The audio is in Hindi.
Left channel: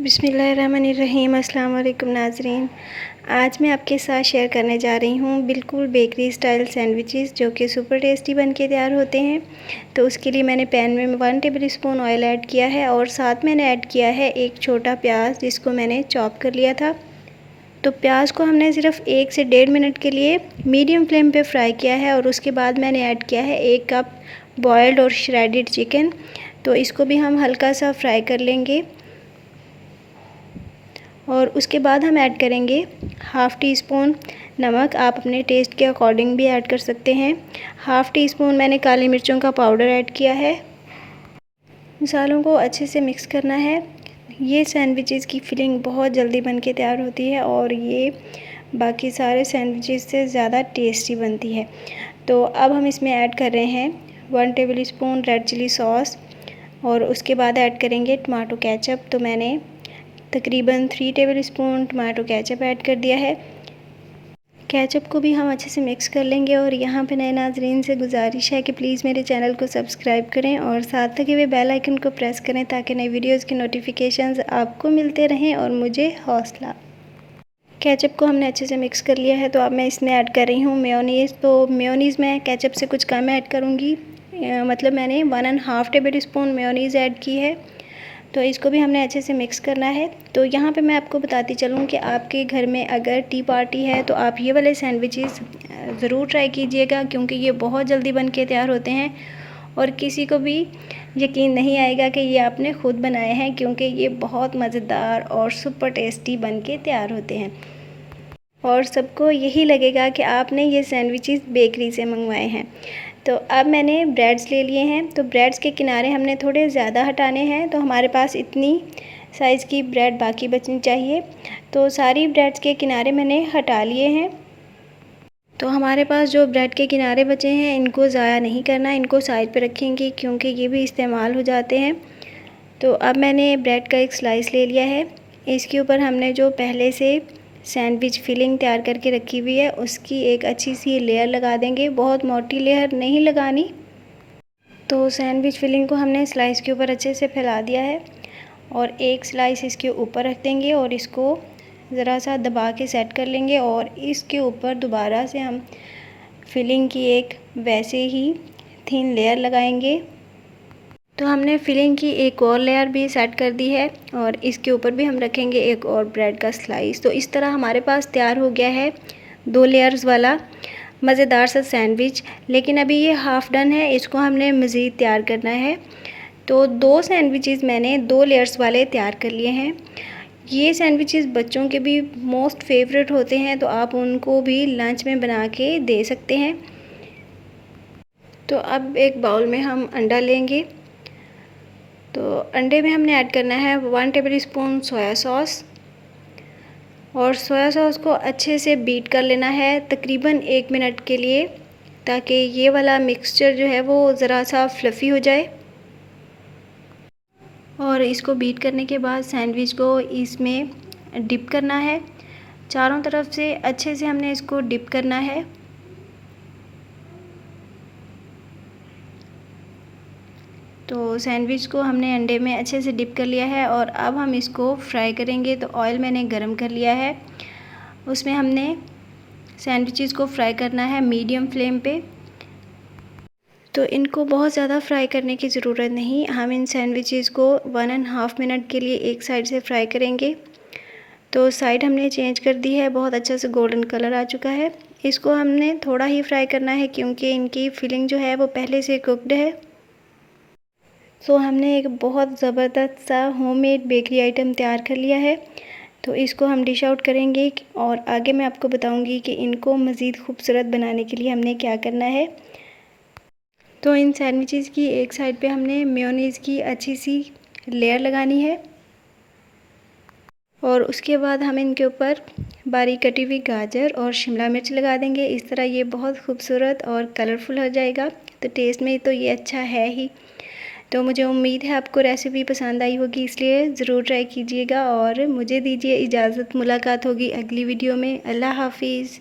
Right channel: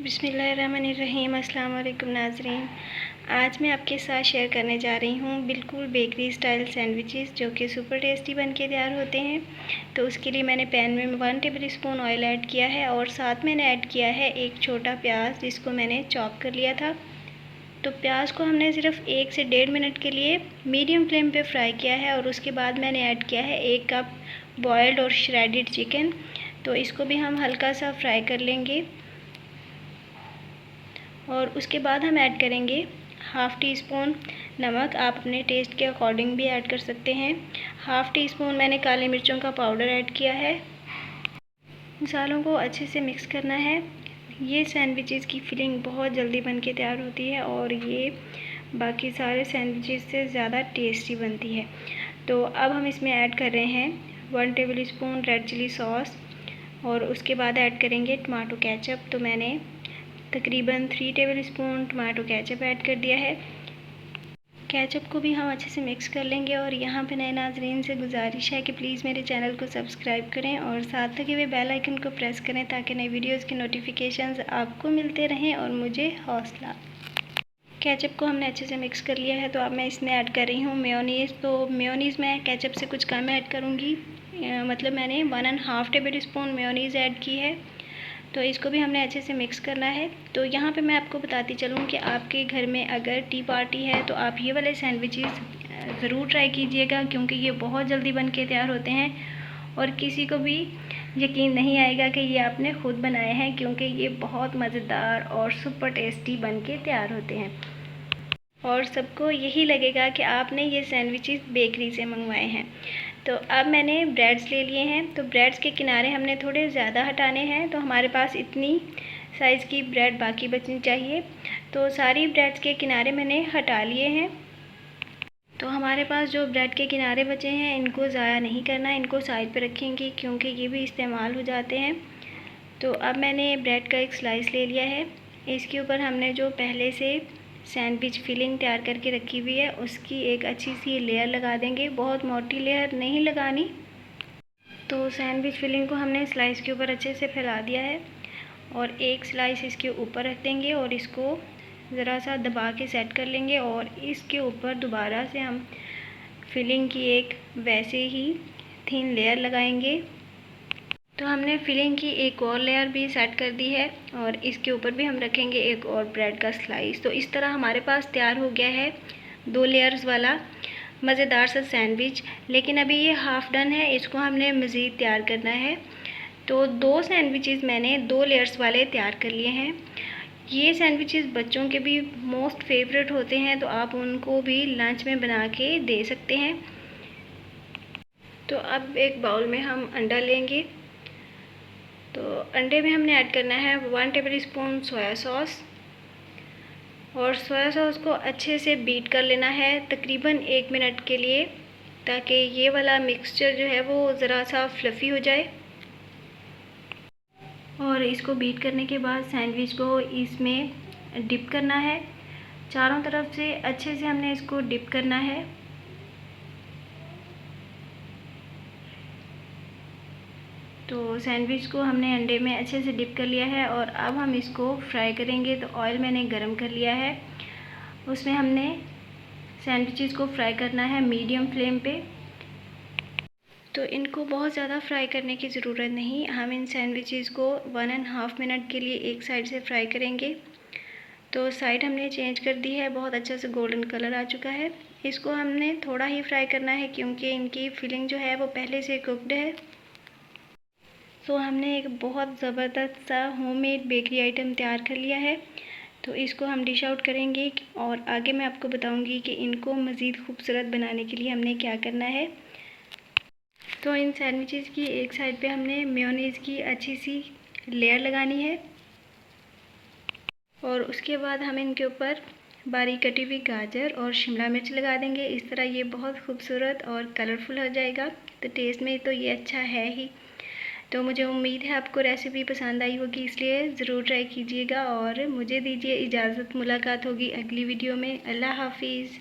बिस्मिल्लाहिर्रहमानिर्रहीम। अस्सलाम वालेकुम नाज़रीन। आज मैं आपके साथ शेयर करने जा रही हूँ बिल्कुल बेकरी स्टाइल सैंडविचेस जो कि सुपर टेस्टी बन के तैयार होते हैं। तो उसके लिए मैंने पैन में 1 टेबल स्पून ऑयल ऐड किया है और साथ मैंने ऐड किया है एक छोटा प्याज जिसको मैंने चॉप कर लिया था। तो प्याज को हमने सिर्फ 1 से 1.5 मिनट के लिए मीडियम फ्लेम पे फ्राई किया है और उसके बाद मैंने ऐड किया है 1 कप बॉयल्ड और श्रेडेड चिकन। तो इसको भी हम हल्का सा फ्राई कर लेंगे और उसके बाद हम ऐड करेंगे हाफ़ टी स्पून नमक। आप अपने टेस्ट के अकॉर्डिंग भी ऐड कर सकते हैं। हाफ़ टी स्पून मैंने काली मिर्चों का पाउडर ऐड किया है। मसालों को अच्छे से मिक्स करना है। ये सैंडविचेस की फिलिंग बहुत जल्दी बन के तैयार होती है और ये बाकी सारे सैंडविचेस से ज़्यादा टेस्टी बनती है। तो अब हम इसमें ऐड कर रहे हैं 1 tablespoon red chilli sauce और उसके बाद ऐड करेंगे टमाटो केचप। तो मैंने तकरीबन 3 table spoon tomato ketchup add कर दिया है। केचप को भी हम अच्छे से मिक्स कर लेंगे और यहाँ पे नए नाज़रीन से गुजारिश है कि प्लीज़ मेरे चैनल को सब्सक्राइब करें और साथ लगे हुए बेल आइकन को प्रेस करें ताकि नई वीडियोज़ की नोटिफिकेशंस आपको मिलते रहें और मुझे हौसला। केचप को हमने अच्छे से मिक्स कर लिया है। तो अब मैं इसमें ऐड कर रही हूँ मेयोनीज़। तो मेयोनीज़ मैं केचप से कुछ कम ऐड करूँगी, मतलब मैंने 1.5 टेबल स्पून मेयोनीज़ ऐड की है। तो इसको भी हमने अच्छे से मिक्स करना है। तो यहाँ पे मैं आपको बताती चलूँ कि आपके घर में अगर टी पार्टी है तो आप ये वाले सैंडविचेस ज़रूर ट्राई कीजिएगा क्योंकि ये बहुत जल्दी बन के तैयार होते हैं और किसी को भी यकीन नहीं आएगा कि ये आपने ख़ुद बनाए हैं क्योंकि ये बहुत मज़ेदार और सुपर टेस्टी बन के तैयार होते हैं और सबको यही लगेगा कि आपने ये सैंडविचेस बेकरी से मंगवाए हैं। तो अब मैंने ब्रेड्स ले लिए हैं। तो ब्रेड्स के किनारे हमने थोड़े ज़्यादा हटाने हैं। तो हमारे पास इतनी साइज़ की ब्रेड बाकी बचनी चाहिए। तो सारी ब्रेड्स के किनारे मैंने हटा लिए हैं। तो हमारे पास जो ब्रेड के किनारे बचे हैं इनको ज़ाया नहीं करना, इनको साइड पे रखेंगे क्योंकि ये भी इस्तेमाल हो जाते हैं। तो अब मैंने ब्रेड का एक स्लाइस ले लिया है। इसके ऊपर हमने जो पहले से सैंडविच फिलिंग तैयार करके रखी हुई है उसकी एक अच्छी सी लेयर लगा देंगे। बहुत मोटी लेयर नहीं लगानी। तो सैंडविच फिलिंग को हमने स्लाइस के ऊपर अच्छे से फैला दिया है और एक स्लाइस इसके ऊपर रख देंगे और इसको ज़रा सा दबा के सेट कर लेंगे और इसके ऊपर दोबारा से हम फिलिंग की एक वैसे ही थिन लेयर लगाएंगे। तो हमने फिलिंग की एक और लेयर भी सेट कर दी है और इसके ऊपर भी हम रखेंगे एक और ब्रेड का स्लाइस। तो इस तरह हमारे पास तैयार हो गया है 2 लेयर्स वाला मज़ेदार सा सैंडविच। लेकिन अभी ये हाफ़ डन है, इसको हमने मज़ीद तैयार करना है। तो 2 सैंडविचेस मैंने 2 लेयर्स वाले तैयार कर लिए हैं। ये सैंडविचेस बच्चों के भी मोस्ट फेवरेट होते हैं तो आप उनको भी लंच में बना के दे सकते हैं। तो अब एक बाउल में हम अंडा लेंगे। तो अंडे में हमने ऐड करना है 1 टेबल स्पून सोया सॉस और सोया सॉस को अच्छे से बीट कर लेना है तकरीबन 1 मिनट के लिए ताकि ये वाला मिक्सचर जो है वो ज़रा सा फ्लफ़ी हो जाए। और इसको बीट करने के बाद सैंडविच को इसमें डिप करना है। चारों तरफ से अच्छे से हमने इसको डिप करना है। तो सैंडविच को हमने अंडे में अच्छे से डिप कर लिया है और अब हम इसको फ्राई करेंगे। तो ऑयल मैंने गरम कर लिया है, उसमें हमने सैंडविचेस को फ्राई करना है मीडियम फ्लेम पे। तो इनको बहुत ज़्यादा फ्राई करने की ज़रूरत नहीं, हम इन सैंडविचेस को 1.5 मिनट के लिए एक साइड से फ्राई करेंगे। तो साइड हमने चेंज कर दी है, बहुत अच्छा से गोल्डन कलर आ चुका है। इसको हमने थोड़ा ही फ्राई करना है क्योंकि इनकी फिलिंग जो है वो पहले से कुक्ड है। तो हमने एक बहुत ज़बरदस्त सा होममेड बेकरी आइटम तैयार कर लिया है। तो इसको हम डिश आउट करेंगे और आगे मैं आपको बताऊंगी कि इनको मज़ीद खूबसूरत बनाने के लिए हमने क्या करना है। तो इन सैंडविचेस की एक साइड पे हमने मेयोनीज़ की अच्छी सी लेयर लगानी है और उसके बाद हम इनके ऊपर बारीक कटी हुई गाजर और शिमला मिर्च लगा देंगे। इस तरह ये बहुत खूबसूरत और कलरफुल हो जाएगा। तो टेस्ट में तो ये अच्छा है ही। तो मुझे उम्मीद है आपको रेसिपी पसंद आई होगी, इसलिए ज़रूर ट्राई कीजिएगा और मुझे दीजिए इजाज़त। मुलाकात होगी अगली वीडियो में। अल्लाह हाफिज़।